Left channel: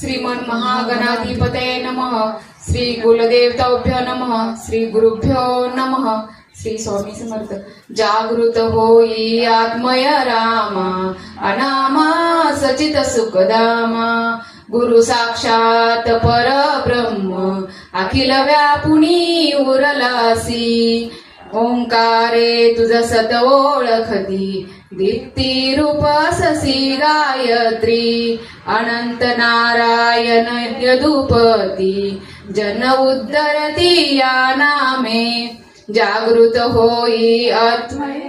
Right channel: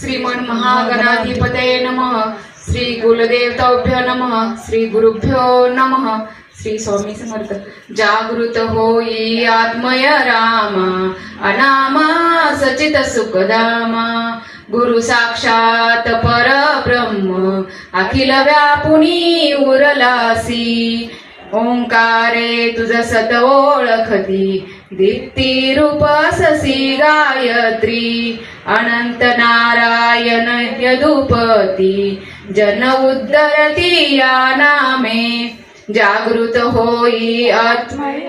श्रीमन महागणाधिपतये नमः. श्री कुलदेवताभ्यो नमः. श्री गुरुभ्यो नमः. श्री स्वामी समर्थ. जागृत होई आत्मय रामा, अनामा सचित सुखदामा. गुरु साक्षात परब्रह्म, अखिल व्यापुनी उरलासी. ओंकारे तुझ सत ओळखती, दीप्ती रूप ससी गायत्री. अनंत नारायण यदुपती, जन उद्धरती या नामे. जागृत होई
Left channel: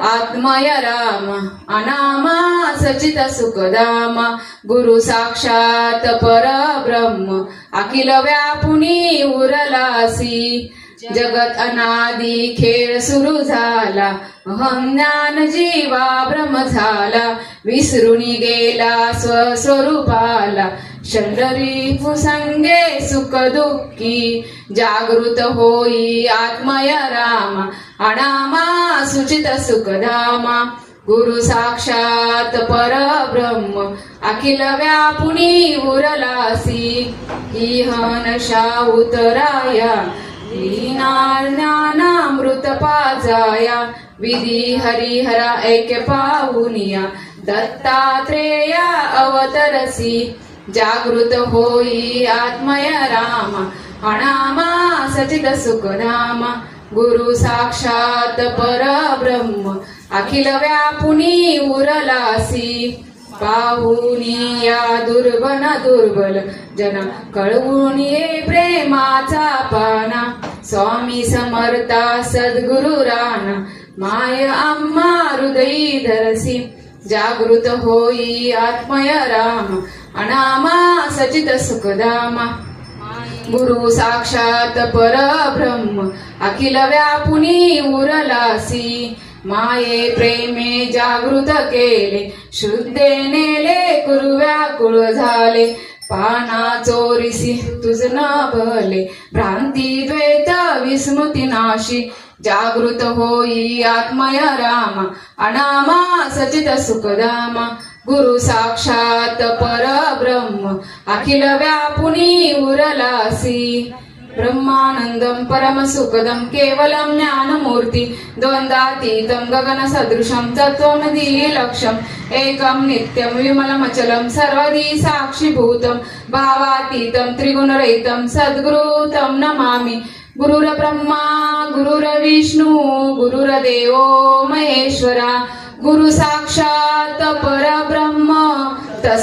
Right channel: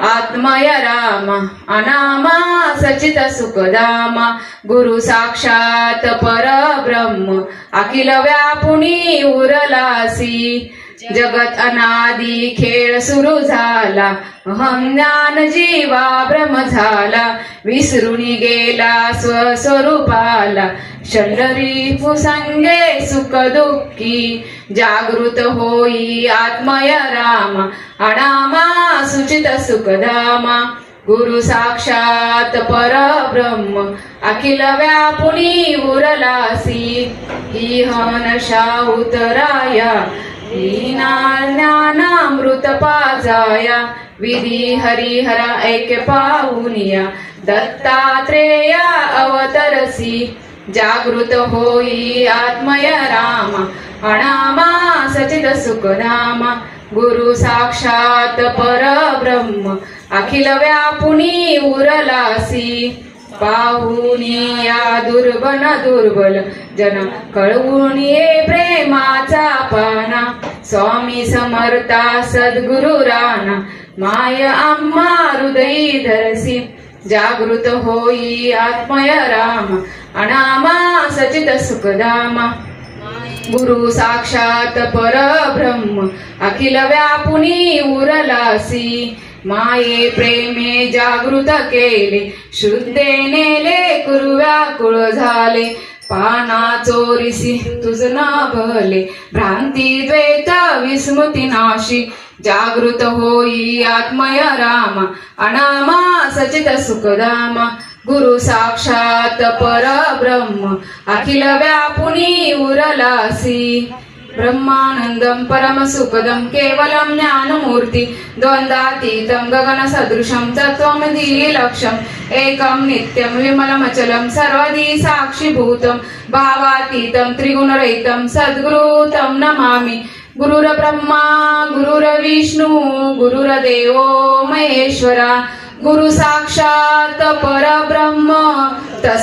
आत्मय राम, अनामा सचित सुखदामा. गुरु साक्षात परब्रह्म, अखिल व्यापुनी उरलासी. जगत अनादि खेळ सुरू झाला, अहं ज्ञान जीवा भ्रम झाला. विसरुनी गेला स्वस्वरूपाला, शरीरी फुसंगे सुख दुःखी. जागृत होई आत्मय राम, अनामा सुचित सुखधामा. गुरु साक्षात परब्रह्म, अखिल व्यापुनी उरलासी. इहनशा उतराया, ज्ञानामृत पाजाया. विधी हरिहरा ऐक्य पाहुनिया, दत्तात्रेय अवतरसी. जागृत होई आत्मय राम, अनामा सचित सुखधामा. गुरु साक्षात परब्रह्म, अखिल व्यापुनी उरलासी. पाहुनी या दुर्बन दुर्बल जन, कळवून ये प्रेमाचा पाना. स्वामी समर्था सद्गुरु राणा, माय आम्हा हृदयी धरसी. जागृत होई आत्मय राम, अनामा सचित सुखधामा. गुरु साक्षात परब्रह्म, अखिल व्यापुनी उरलासी. माये प्रेमे जागृत केले, शुद्धे नेले कुरु व्याकुळ झाले. पाना चोरीसी तुझ ना भले, भ्रांती द्वैत विस्मृती नाशी. जागृत होई आत्मय राम, अनामा सचित सुखधामा. गुरु साक्षात परब्रह्म, अखिल व्यापुनी उरलासी. ब्रह्मानंदं परमसुखदं केवलं ज्ञानमूर्ति. द्वन्द्वातीतं गगनसदृशं तत्त्वमधिलक्ष्यम्. एकं नित्यं विमलमचलं सर्वधी साक्षिभूतं. भावातीतं त्रिगुणरहितं सद्गुरु तं नमामि. गुरुर्ब्रह्मा गुरुर्विष्णु गुरुर्देवो महेश्वरा. गुरु साक्षात परब्रह्म, तस्मै